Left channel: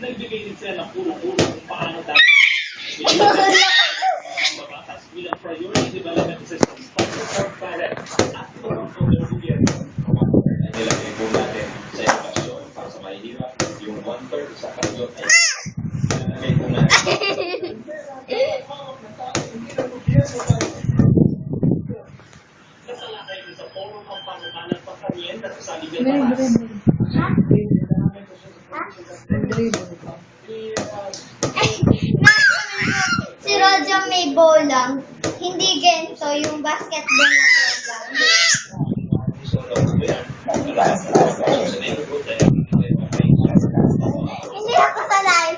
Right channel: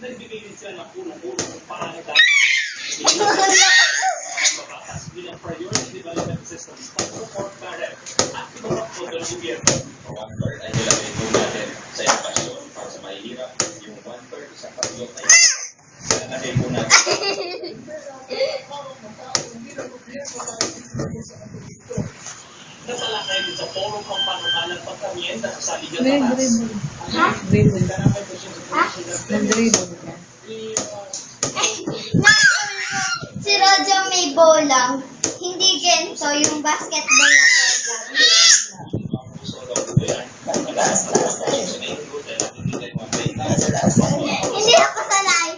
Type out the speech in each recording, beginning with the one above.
Nagbigay din sila ng puro-puro kung paano dapat mabatas bilang priority development systems pag-support para at ilang pondo ng gobyerno. 1/3 ay nilagay po natin sa edukasyon para sa mahihirap. Yung 1/3 sa karyot ay nilagay po natin. Nasalakay din sa forum ang panukalang pagkamienta sa saligan batas. Si Rojang may bolang. Hindi ganito yung basketball na hindi ako sanay.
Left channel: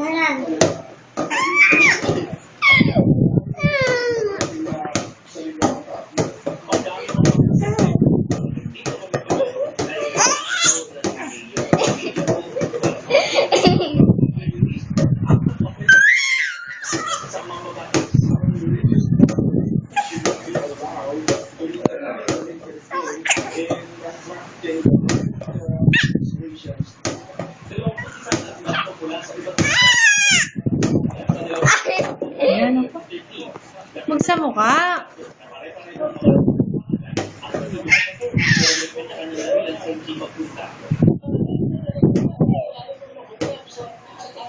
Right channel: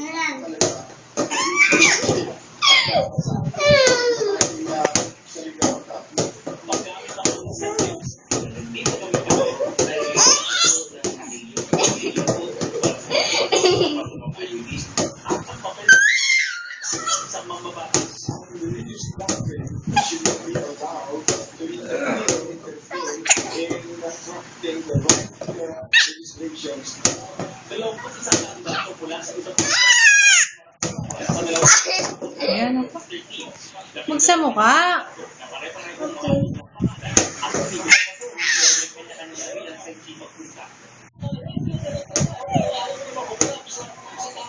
Ayan. Ayan ako. Magsamukha.